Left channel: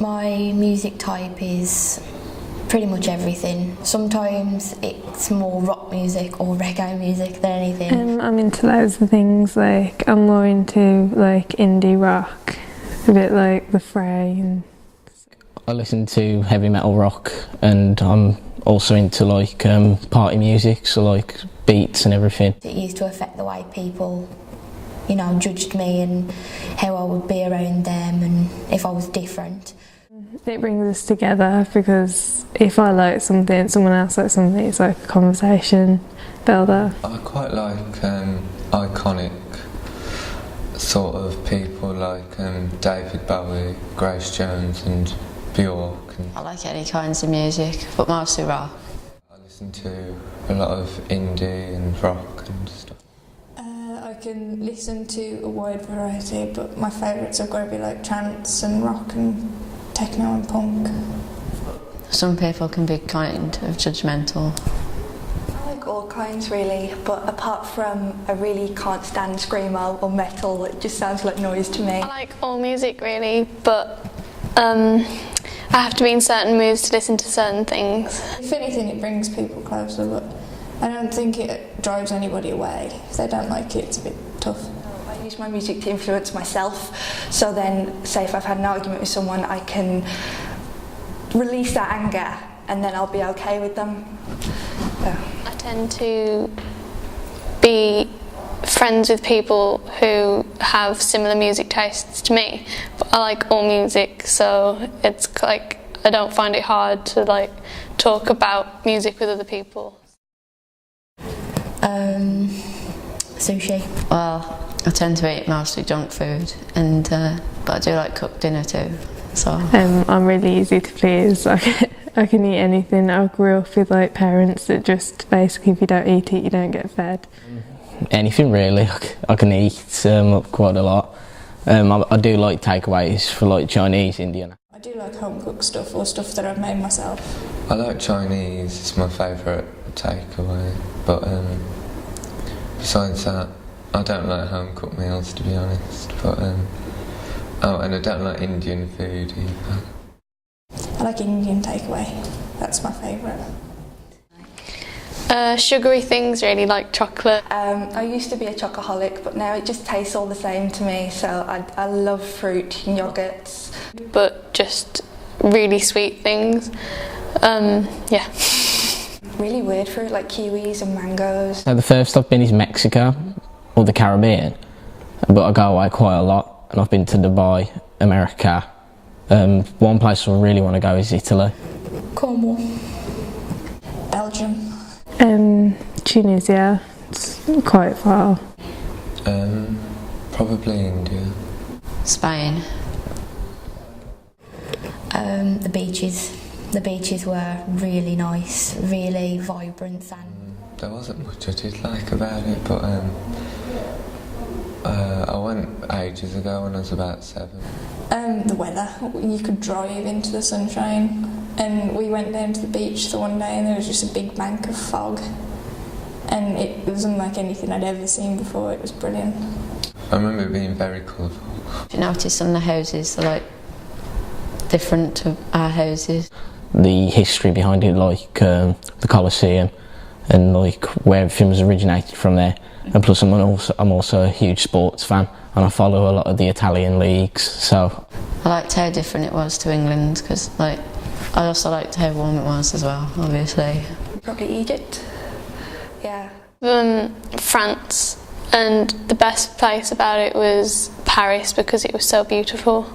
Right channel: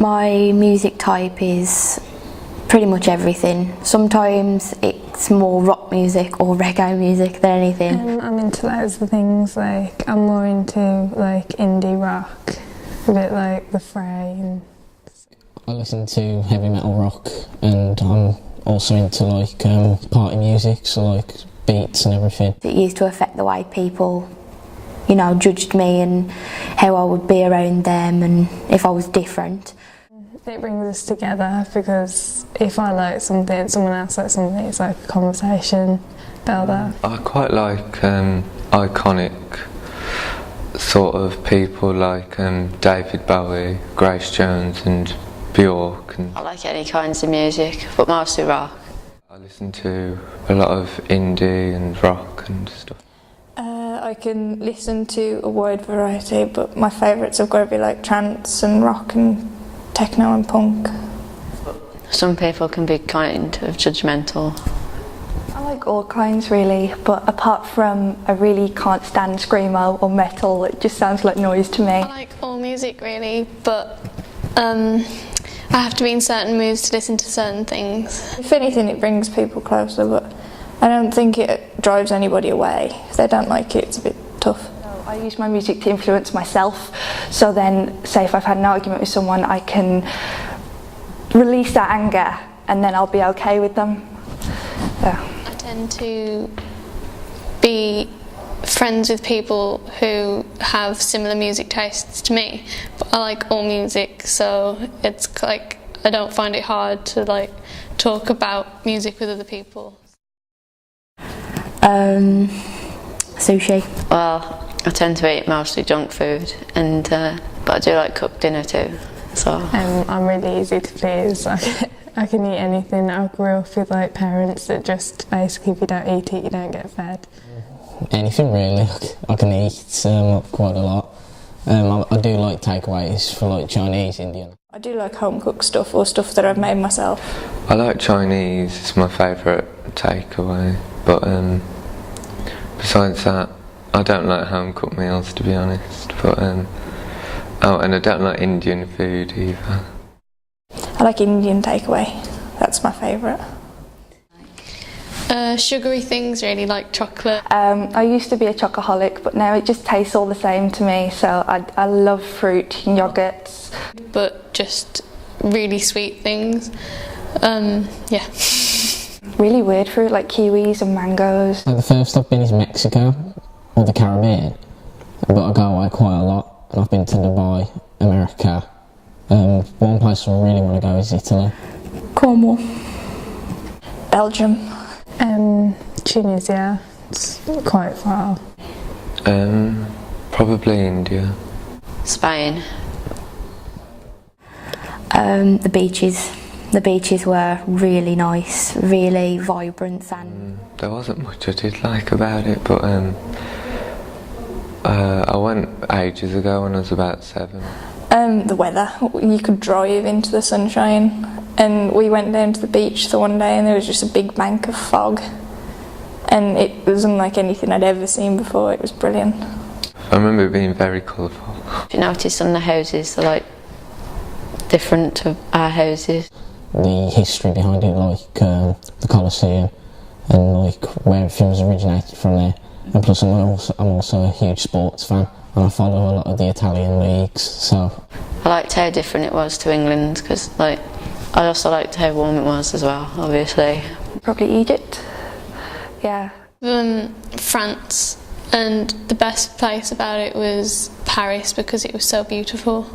My music type is pretty much everything. Sometimes it's more rock music or reggae music than anything. I'm into loads of things, like I'm more into like indie rock, a bit like The Fray. I listen to heavy metal rock, and I'm also into like party music, so like beats and everything. It used to affect the way people, judged me and how I would be around them and if I was different. It brings us together because if I like something, someone else likes something, it's like a conversation builder. I quite like iconic sort of people like David Bowie, Grace Jones and Bjork. I like any kinds of music, but mostly rock. I listen to a lot of indie and rock and stuff. I can listen to a wide variety, but my favourites have got to be like trance and rock and techno and punk. Some people can be kind of judgmental. I like all kinds really, but apart from I really can't stand screamo or metal, it just sounds like noise to me. I like all music really, but I have to be in certain moods to listen to certain things. If anything, it brings people closer, but I don't think it drives anybody away. If they don't like it, it's a bit tough. I use my music to influence myself, so then say if I've had an argument with someone, I can release that anger and then I'll be okay with them. Yeah. I tend to be friends with people who have similar music tastes to me, but I like all music, so it's like I don't find it hard to like talk about music with other people. Sushi. Well, I tend to eat mostly junk food, and but I do like cooked dinner too. So I'm really easy to please. I can eat anything. I grew up with like parents that just basically if you don't eat it, you don't get fed. Anything really. I can eat quite a lot. I do like takeaways for like Chinese, Indian. I do like home cooked stuff or stuff that I've made myself. I like Chinese, it's my favourite takeaway, but besides that I don't like home cooked meals to be honest, but and I don't like Indian food either. I like Indian takeaway, that's my favourite. Sugary things really, like chocolate. I used to be a chocoholic, but now it just tastes all the same to me, so I love fruit and yogurts. But just really sweet things. Yeah. Really weird fruit like kiwis and mangoes. So the first I've been is Mexico or the Caribbean, but I go away quite a lot, and I've been to Dubai, America. One place I really want to go is Italy. Cornwall. Belgium. Tunisia, it's quite far. Probably India. Spain. The beaches. The beaches were really nice, really vibrant and... There wasn't much I did like about it, but I went ages ago when I was about 7. The weather. You could drive into the sunshine, and we went down to the beach the one day and there was just a big bank of fog, and it was unlike anything I'd ever seen before. It was brilliant. I remember it being very colourful. If you notice some of the houses are like different to our houses. The history behind it, like the Colosseum, and like where everything was originated from there. And plus I'm also a huge sports fan, and I follow a lot of the Italian leagues, so... I liked how different it was to England, because like, I also liked how warm it was as well, obviously. Probably Egypt. Yeah. France, and the best place about it was Paris because it was so beautiful.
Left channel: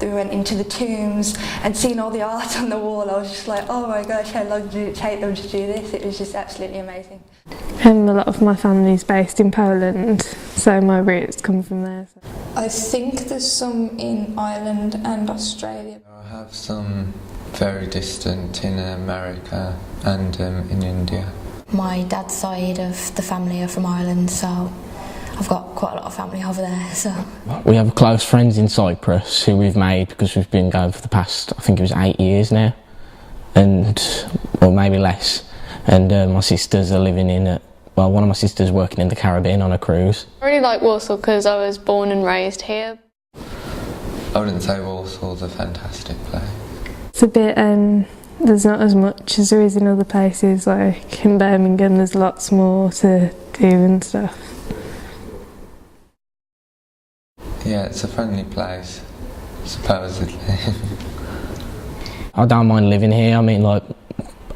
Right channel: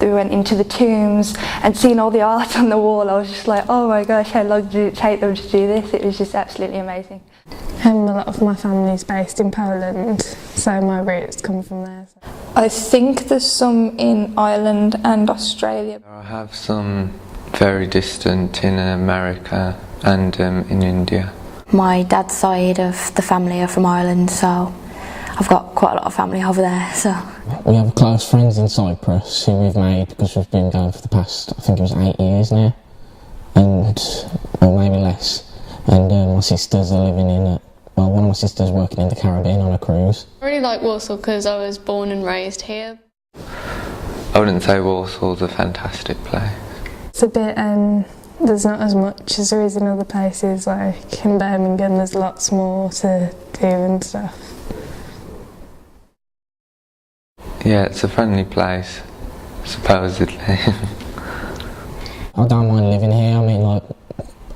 We went into the tombs and seeing all the art on the wall, I was just like, oh my gosh, how long did it take them to do this? It was just absolutely amazing. A lot of my family's based in Poland, so my roots come from there. I think there's some in Ireland and Australia. I have some very distant in America and in India. My dad's side of the family are from Ireland, so I've got quite a lot of family over there, so... We have close friends in Cyprus who we've made because we've been going for the past, I think it was 8 years now, or maybe less. And my sisters are living in, one of my sisters working in the Caribbean on a cruise. I really like Warsaw because I was born and raised here. I wouldn't say Warsaw's a fantastic place. It's a bit, there's not as much as there is in other places, like in Birmingham there's lots more to do and stuff. Yeah, it's a friendly place, supposedly. I don't mind living here. I mean, like,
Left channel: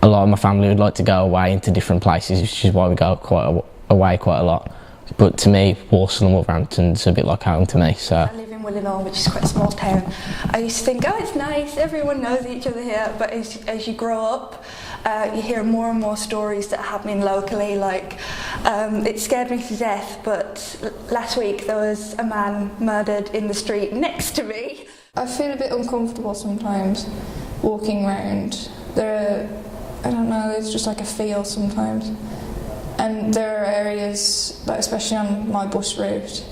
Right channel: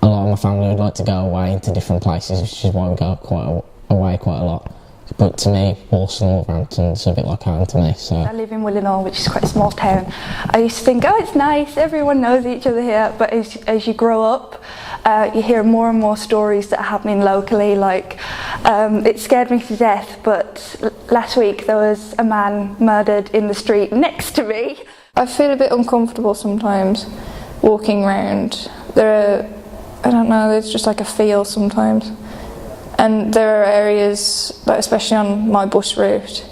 a lot of my family would like to go away into different places, which is why we go away quite a lot. But to me, Walsall and Wolverhampton's a bit like home to me. So I live in Willenhall, which is quite a small town. I used to think, oh, it's nice, everyone knows each other here. But as you grow up, you hear more and more stories that are happening locally. Like, it scared me to death, but last week there was a man murdered in the street next to me. I feel a bit uncomfortable sometimes walking around. I don't know, there's just like a feel sometimes. And there are areas, like especially on my bus route,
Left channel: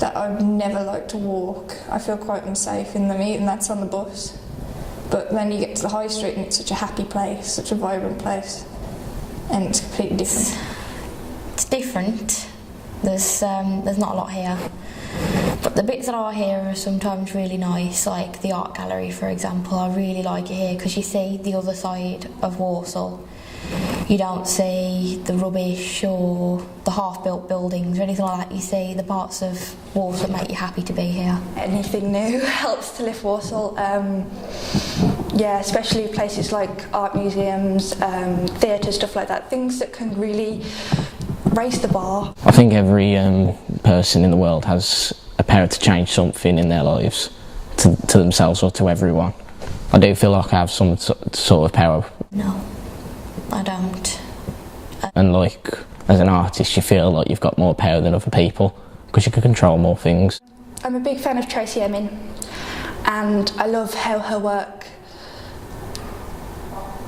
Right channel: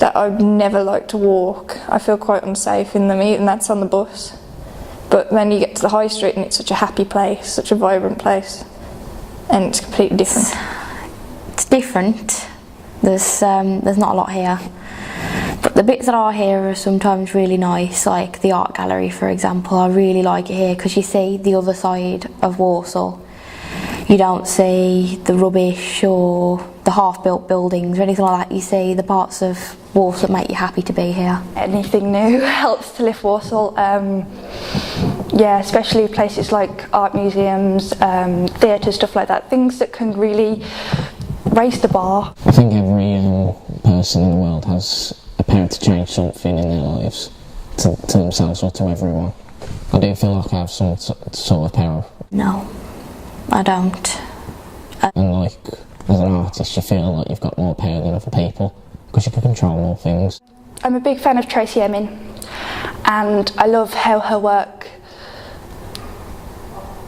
that I'd never like to walk. I feel quite unsafe in them, and that's on the bus. But then you get to the high street and it's such a happy place, such a vibrant place, and it's completely different. It's different. There's not a lot here. But the bits that are here are sometimes really nice, like the art gallery, for example. I really like it here because you see the other side of Walsall. You don't see the rubbish or the half-built buildings or anything like that. You see the parts of Walsall that make you happy to be here. Anything new helps to lift Walsall. Yeah, especially places like art museums, theatre, stuff like that. Things that can really raise the bar. I think every person in the world has a power to change something in their lives, to themselves or to everyone. I do feel like I have some sort of power. No, I don't. And like, as an artist, you feel like you've got more power than other people because you can control more things. I'm a big fan of Tracy Emin, and I love how her work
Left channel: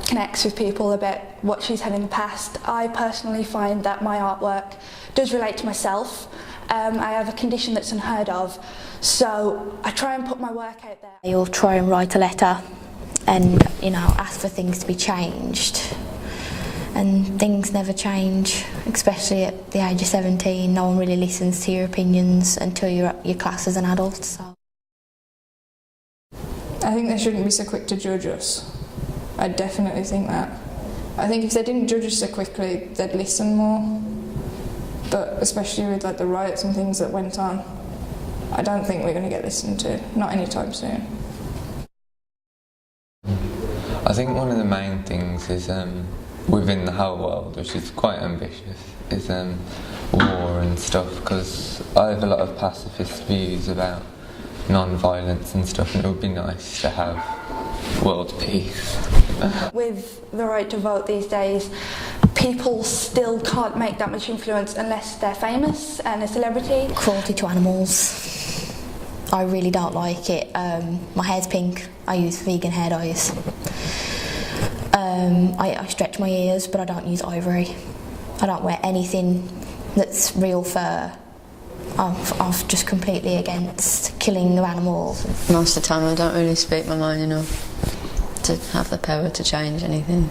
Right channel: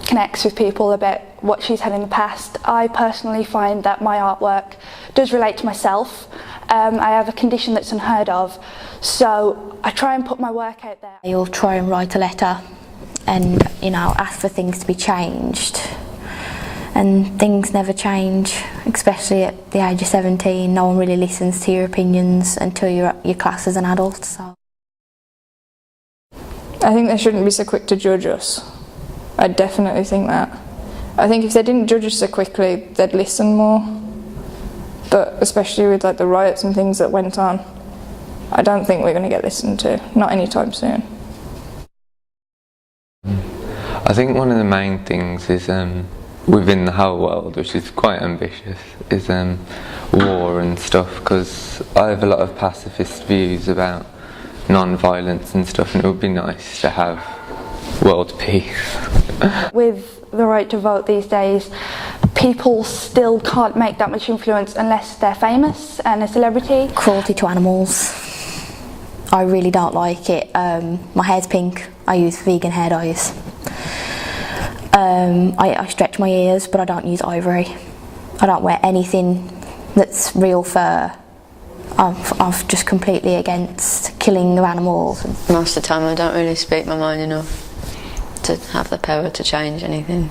connects with people about what she's had in the past. I personally find that my artwork does relate to myself. I have a condition that's unheard of, so I try and put my work out there. You'll try and write a letter and, ask for things to be changed. And things never change, especially at the age of 17. No one really listens to your opinions until you're at your class as an adult. So I think they shouldn't be so quick to judge us. I definitely think that. I think if they didn't judge us so quickly, they'd listen more. But especially with like the riots and things that went on, I don't think we're going to get listened to, not anytime soon. I think one of the main things is within the whole world, which is quite ambitious, is war and stuff, because I have a lot of pacifist views about non-violence and stuff, and it would be nice to have world peace. With the right to vote these days, people still can't make that much influence unless they're famous and a celebrity. Cruelty to animals. I really don't like it. My hair's pink. I use vegan hair dyes. I stretch my ears, but I don't use ivory. I don't wear anything that's real fur. I'm just completely against killing of animals. Most of the time I don't really speak my mind enough to have the power to change anything.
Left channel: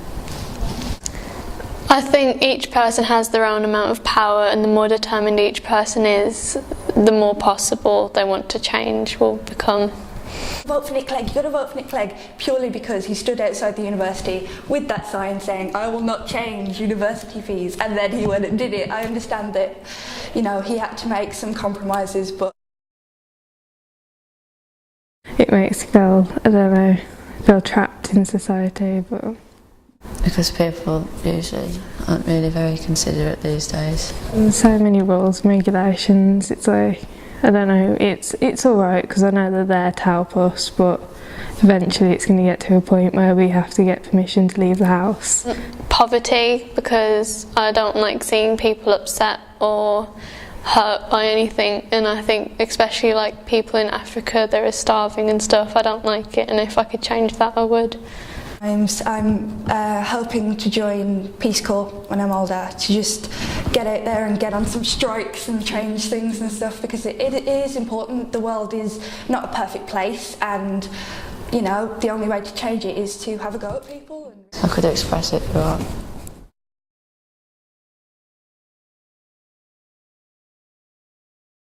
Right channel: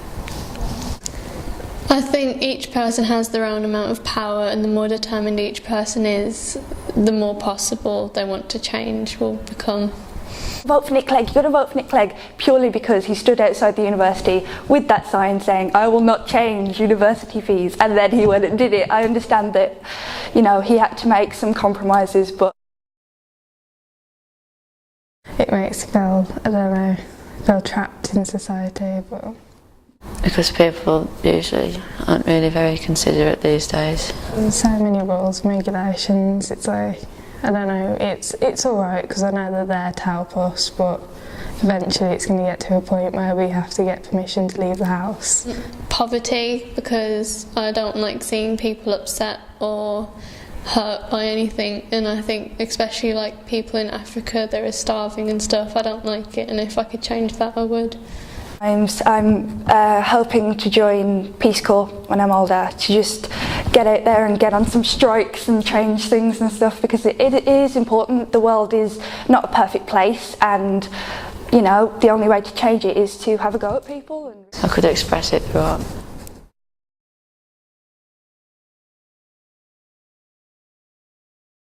I think each person has their own amount of power, and the more determined each person is, the more possible they want to change will become. Vote for Nick Clegg. You've got to vote for Nick Clegg purely because he stood outside the university with that sign saying, "I will not change university fees," and then he went and did it. I understand that, he had to make some compromises, but It makes you feel trapped in society, but Because people usually aren't really very considerate these days. there's so many rules and regulations. It's like, I don't know, it's alright because I know they're there to help us, but eventually it's going to get to a point where we have to get permission to leave the house. Poverty, because I don't like seeing people upset or hurt by anything, and I think especially like people in Africa, they're starving and stuff. I don't like it, and if I could change that, I would. I'm hoping to join Peace Corps when I'm older, to just get out there and get on some strikes and change things and stuff, because it is important. The world is not a perfect place, and the only way to change it is to have a go at people. I could express it through art.